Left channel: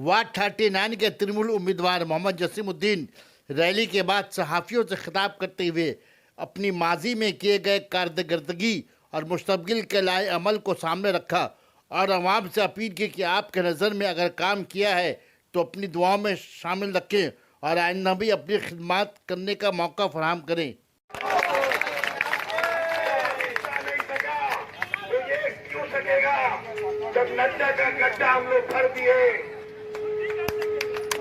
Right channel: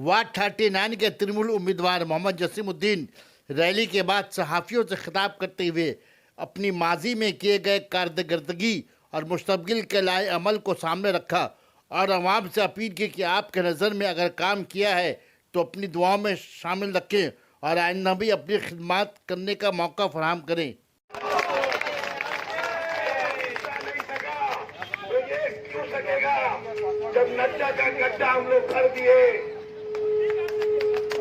Ward 39 के तृणमूल उम्मीदवार Mohammad Jasimuddin rally के बाद सहाफ़ियों से खिताब करते हुए अपनी माजी में किए गए कारकर्दगी और मुस्तकबिल के लाए अमल को सामने रखा और अवाम से अपील की कि आपके नज़र में अगर काम किया है तो अपनी दुआओं में शामिल रखें और आइंदा भी अपनी खिदमत करने का मौका फराहम करें। जब नड्डा का गड्ढा हम लोग भर दिए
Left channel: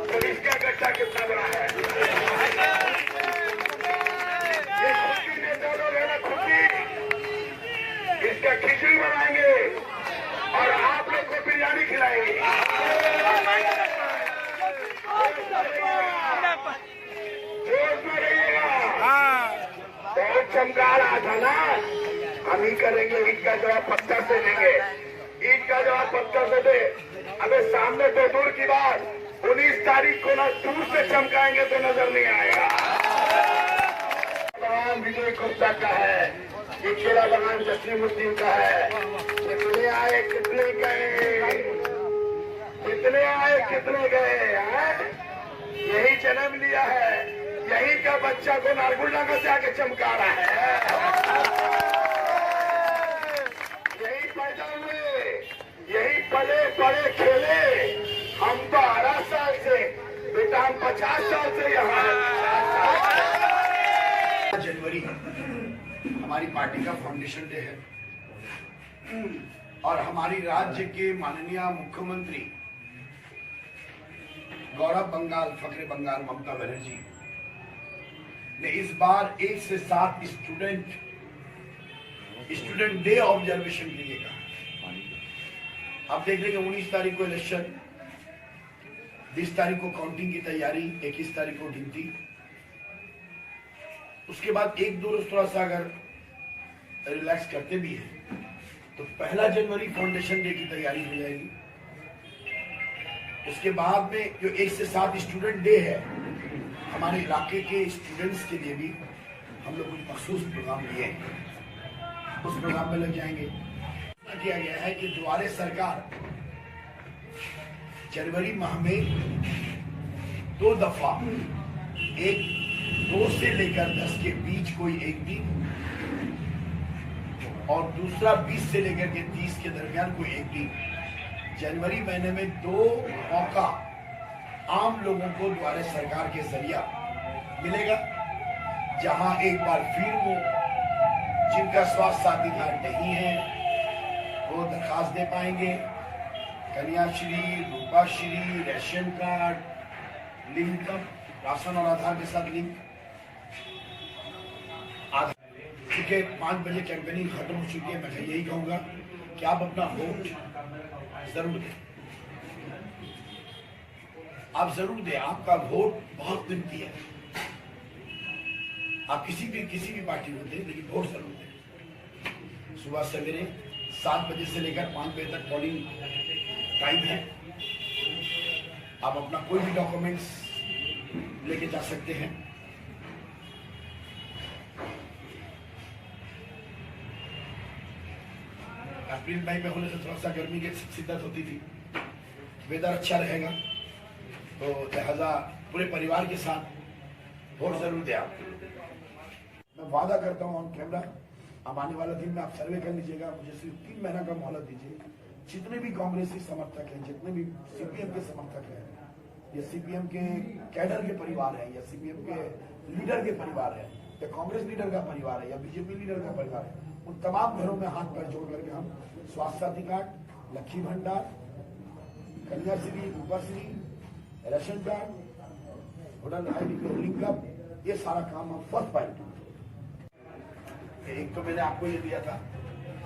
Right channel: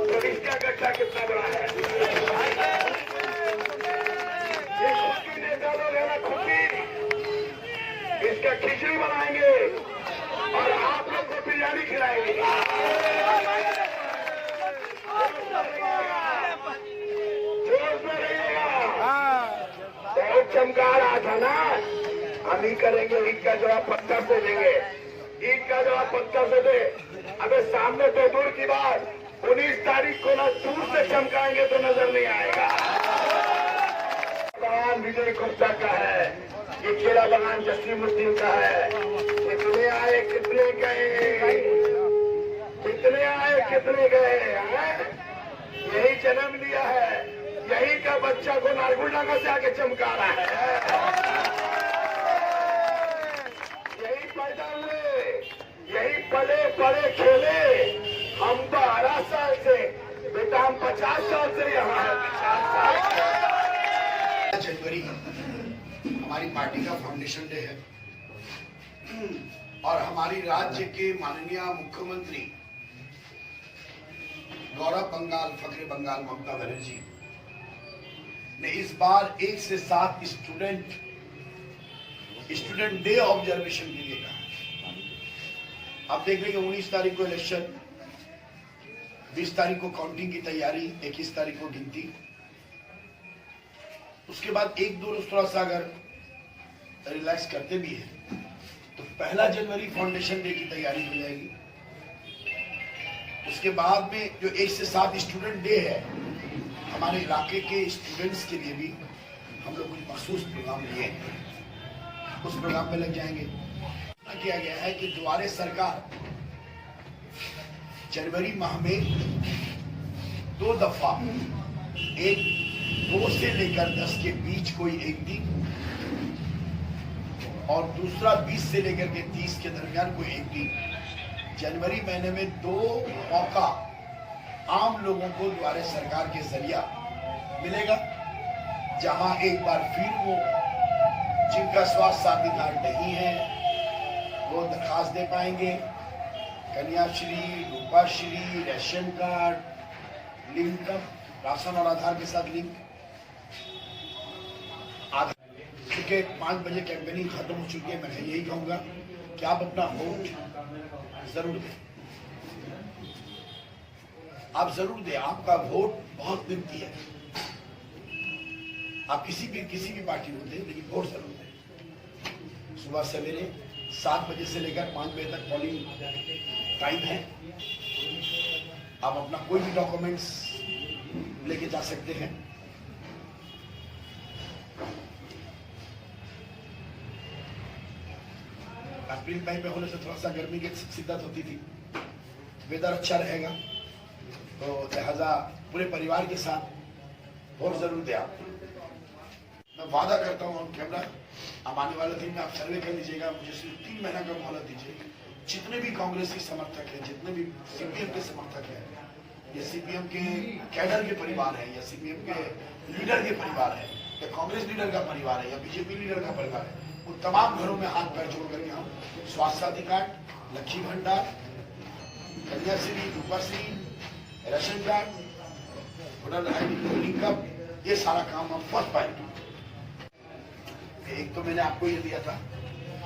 तो इसका गड्ढा कितना बड़ा है। ये खुशी नेता लोग है ना, खुशी इसका खिचड़ी बनाएंगे और आप लोग को बिरयानी खिलाएंगे। जोश में रहिएगा। बहुत चमका रहा था ना, हम ही करेंगे। ईद का जवाब पत्थर से देंगे, ईद का जवाब पत्थर से दे। अबे सामने तो दूर की बात, 19 तारीख को ना दूर से चमकाएंगे तो नजर नहीं आएगा। बगान विजय गुप्ता का है, ये खेला बगान जसीमुद्दीन का है। कितने आए कितने गए, कितने आए कितने गए, यही जन्म लिया है, यही का बच्चा को नारगुल्ला को जाके चमका रहा है। यही पैदा हुए, यही पले पड़े खेले। हम 12 साल से, बेटा हम 50 साल से यहाँ हैं। जनवरी हमारी पार्टी का फाउंडेशन डे है और हमारी राज्य के माननीय मुख्यमंत्री गौरव बंगाल, फखरे बंगाल ममता बनर्जी ने इस बार 1 से 7 स्टूडेंट डे ऑब्जर्वेशन के लिए कहा। आप देख लेंगे 19 तारीख को इलेक्शन, 20 तारीख को काउंटिंग की तैयारी, 21 तारीख को गिनती, उसके बाद 1-2 रोज थोड़ा सा अगर रिलैक्स करते भी हैं तो 1 जनवरी फाउंडेशन डे की तैयारी हो जाएगी। उसके बाद में जो 1 से 7 स्टूडेंट डे है, हमारे इलाके के स्टूडेंट्स के लिए भी हम लोग कुछ मखसूस प्रोग्राम लिए हैं, उस प्रोग्राम में लग जाएंगे। किया गया है कि द्वारे सरकार जनवरी माह में 2 दफा, एक 2 से लेकर 10 के बीच कोई एक दिन और दूसरा 20 से लेकर के 30 के दरमियान कोई एक दिन, जनवरी महीने में 2 मौका आम लोगों को द्वारे सरकार के जरिया मिलेगा, जहां एक बार फिर वो जिनका स्वास्थ्य साथी कार्ड नहीं है वो दरखास्त दे पाएंगे। Kanyashree, Rupashree, ration card link, ration और आधार के साथ लिंक। चूंकि 5 बजे कैंपेनिंग खत्म हो चुकी है, मैं यही कहूंगा कि आप अपना वोट जरूर दें, आप जरूर दें। आपका वोट बहुत कीमती है। आप किसी भी पार्टी को दें, लेकिन वोट जरूर दें। सुबह सवेरे 7 बजे से लेकर 5 बजे तक पोलिंग टाइम है। आप अपना कोई भी डॉक्यूमेंट्स लेके जा सकते हैं। अप्रैल मई में होने से थोड़ा सा गर्मी की शिद्दत होती थी, वेदर अच्छा रहेगा, तो लिहाजा पूरे परिवार के साथ वोट जरूर दें आप। मैं वादा करता हूँ ऑन कैमरा, अब आने वाले दिन में आप सर्वे कर लीजिएगा, मुझे सिर्फ 3 महीना का मोहलत दीजिए। जितने भी कांग्रेस के समर्थक हैं, जितने भी सीपीएम के समर्थक हैं, या सीपीएम के कैडर के परिवार है, या सीपीएम के लीडर के परिवार है, या कांग्रेस लीडर का परिवार है, या बीजेपी लीडर का परिवार है, उन तमाम घरों में हाथ पैर जोड़ करके हम स्वास्थ्य साथी card, Lakshmi Bhandar, Kanyashree, Rupashree, ration card, voter ID link up, ये सारा काम हम फर्स्ट पाएंगे। एक तो मैंने आपको ये दिया था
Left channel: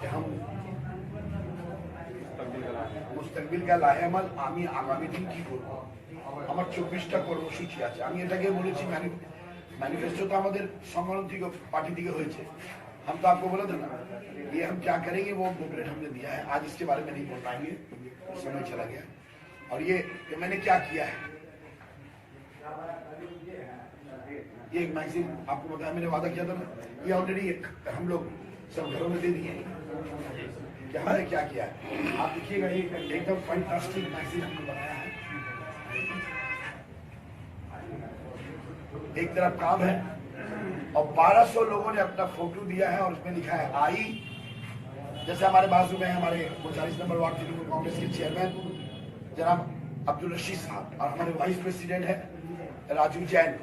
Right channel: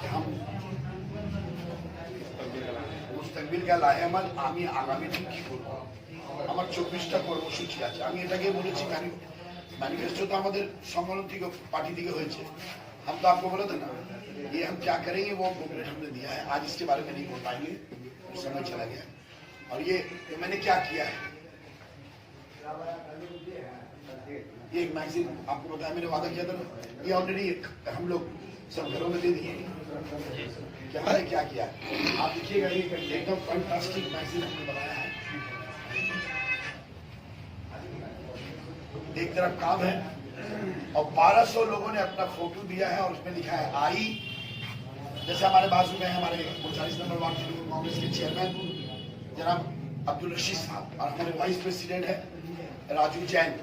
कि हम মুস্তাকবিল কা লাহেমাল আমি আগামী দিন কি করব, আমার 24টা কর্মসূচি আছে। আমি এটাকে বলেছি, मैनिफेस्टो तो हमारे संगठन থেকে पार्टी থেকে হয়েছে। हम तो आपको बोला था ना, ये हम क्या करेंगे वो बुकलेट हमने दिया है। आज इसके बारे में नहीं बोल पाएंगे, समय चला गया। और ये मैंने क्या किया है, ये एक मैगजीन आपको बताया, मैंने वादा किया था, ये ऑलरेडी हम लोग सब घरों में दे दिए हैं कि हमने क्या किया है। आप देखिएगा, ये एकदम फैंटास्टिक मैगजीन हमने बनाया है। एक तरफ काम है और 1200 लोगों ने अपना फोटो दिया है और उसमें लिखा है आई। जैसे हमारे बाजू में हमारे 39 नंबर वार्ड तृणमूल कांग्रेस के चेयरमैन जनाब अब्दुल रशीद साहब और हमारे वाइस प्रेसिडेंट है राजू जैन।